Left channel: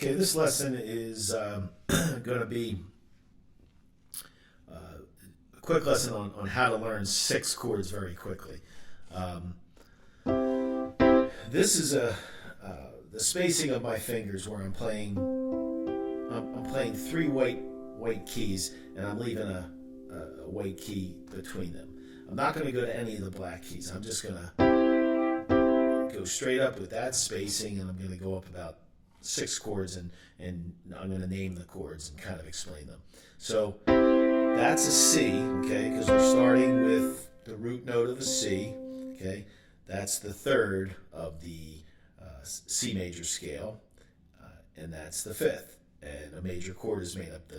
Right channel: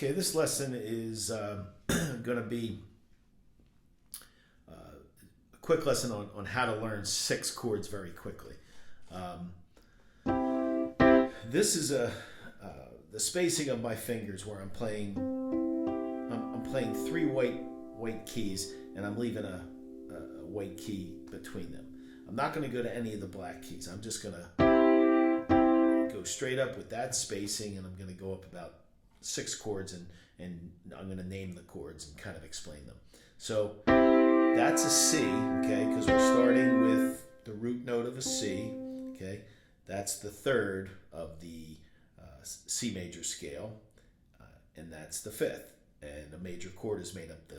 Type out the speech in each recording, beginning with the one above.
Okay, this lesson is going to be a quick lesson on how to learn 6 chords very quickly. This is the spacing of my fingers where I'm playing 3 white keys, and I'm leaving a white key between them. I'm not going to go to any of the black keys. I'm just going to go straight up with that spacing, and I'm going to go up about 6 chords, and I'm going to name the chords and kind of explain them. So that's a C, okay, because we're starting with the root note of a C, okay. That's the 3rd of the C major scale, and that's the 5th. And a major chord is made up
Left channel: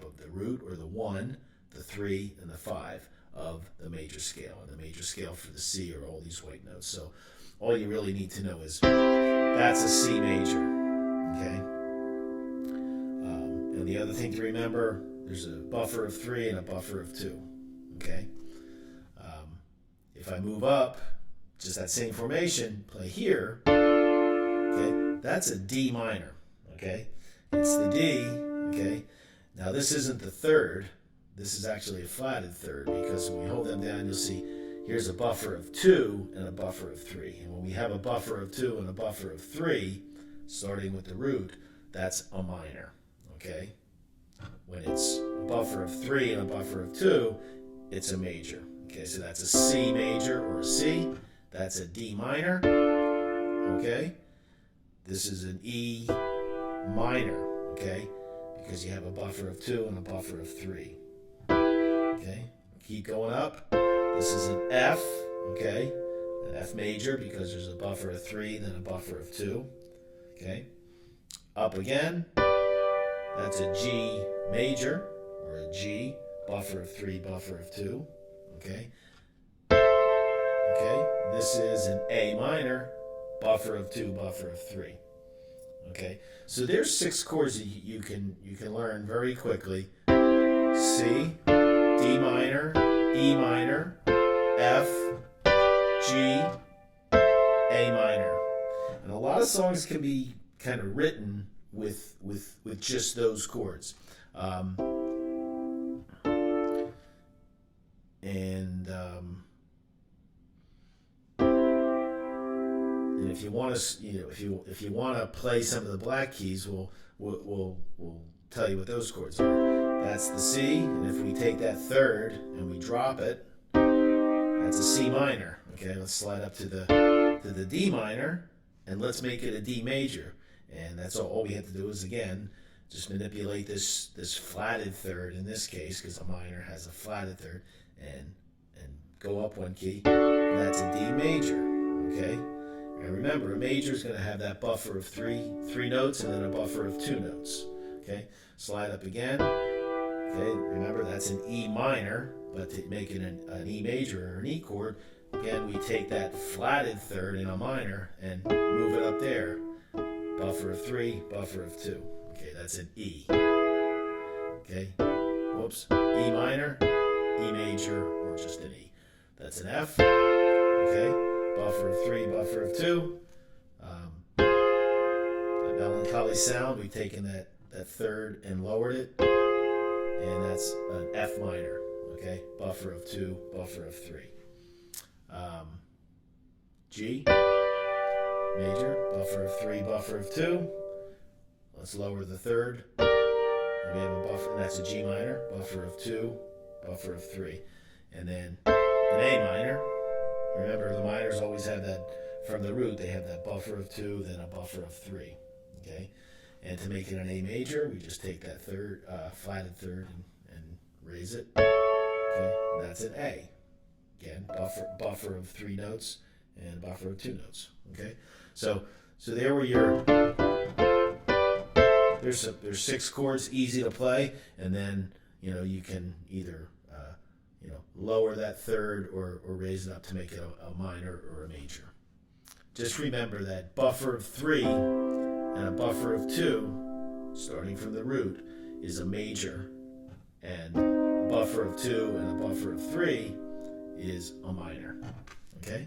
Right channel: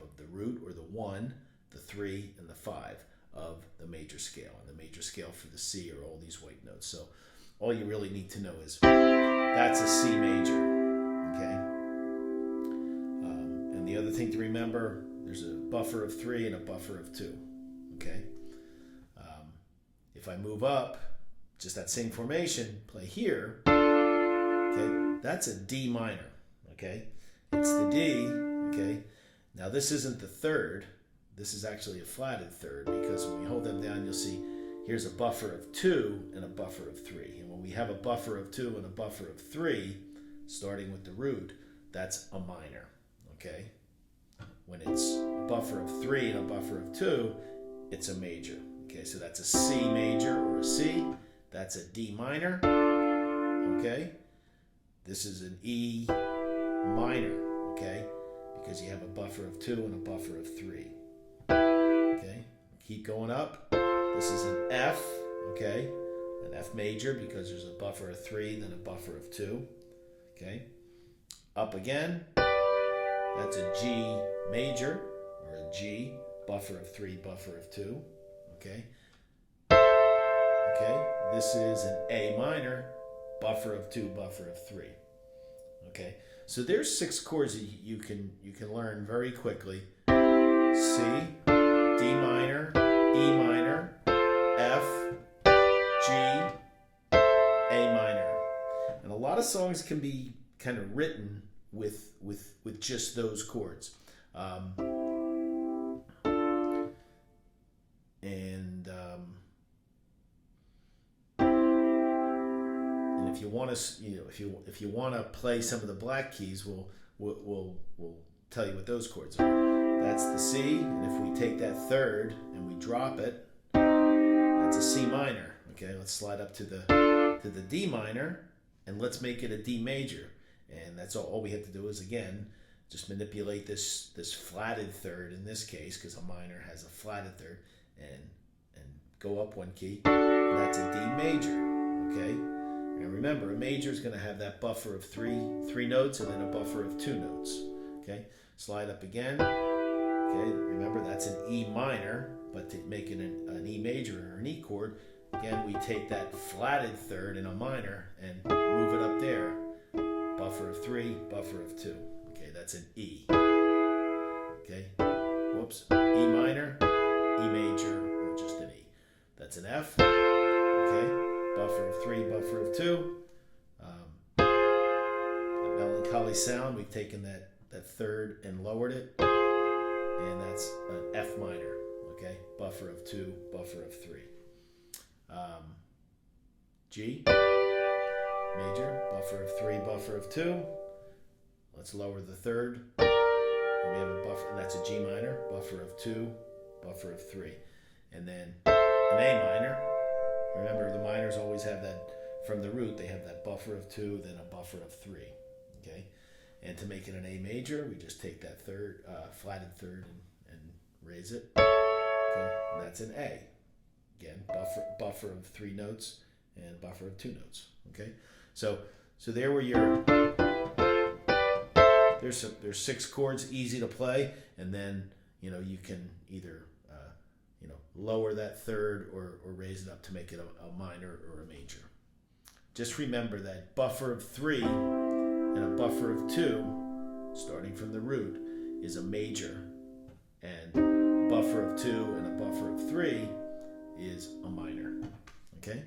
of the root, or the 1, the 3, and the 5 of the major scale. And the major scale for the C are all these white notes. So all you really need to know is that's a C major, okay? And the other thing to remember, there's a buffer of 3 and a buffer of 2, okay? If I move up, just that same formation, play here, okay? That's a D minor, okay? It's the D, okay? Now this isn't the 3rd. This is actually a flatted 3rd, because when we hold them down, you'll see here's a buffer of 2 and a buffer of 3. And when we have a buffer of 2 and a buffer of 3, starting with the root, that's a minor, okay? When it's a buffer of 3 and a buffer of 2, it's a major, okay? So that's a C major or a C. That's a D minor, okay? This is an E minor, okay? Because you have a buffer of 2 and a buffer of 3, okay? Keep going up. This is an F, okay? An F major, because there's a buffer of 3, then a buffer of 2, okay? Up again. That's a G major, or a G, buffer of 3, buffer of 2, okay? Okay, this is an A minor, buffer of 2, buffer of 3, okay? So there's 6 chords that you can learn very quickly. C, D minor, E minor, F, G, A minor. And a lot of songs can be kind of written with just those chords. And if you want to, if you want to play some of the black keys, we'll tell you what those chords are. That's the C, and if we take that 3rd and we drop it, that's a C minor. Okay, let's slide up to the D minor, and let's make it a D major. And that's all we have to do is, again, just manipulate this flatted 3rd in this case, because a minor has a flatted 3rd, and go up 1 key, and that's a D major, okay? And remember, a major is going to have that buffer of three notes, and then a buffer of 2 notes, okay? Slide up again, okay? Remember, that's an E minor, but to make it an E major or an E chord, again, we take that flatted 3rd in a minor and move it up there. Buffer of 3, buffer of 2. Okay, that's an E. Okay, whoops. E minor, E major, or just an E. That's an F. Okay, buffer of 3, buffer of 2. That melancholy sound, we've taken that 3rd and lowered it. And that's an F minor. Okay, buffer of 2, buffer of 3. G major, buffer of 3, buffer of 2. Let's lower the 3rd. And we have a buffer, and that's a G minor, buffer of 2, buffer of 3. And then an A minor. Remember, the minors always have that, from the root, they have that buffer of 2, then a buffer of 3. Okay? And to make it an A major, we just take that 3rd, flatted 3rd, and raise it. Okay? And that's an A. Again, buffer of 3 notes and a buffer of 2 notes. Okay? So there were your, there's 6 chords, easy to play, and then, you can either, lower that 3rd or raise it up to make it a minor or a major. Just remember that buffer of 3 and a buffer of 2, starting from the root, is a major, and a buffer of 2 and a buffer of 3 is a minor. Okay?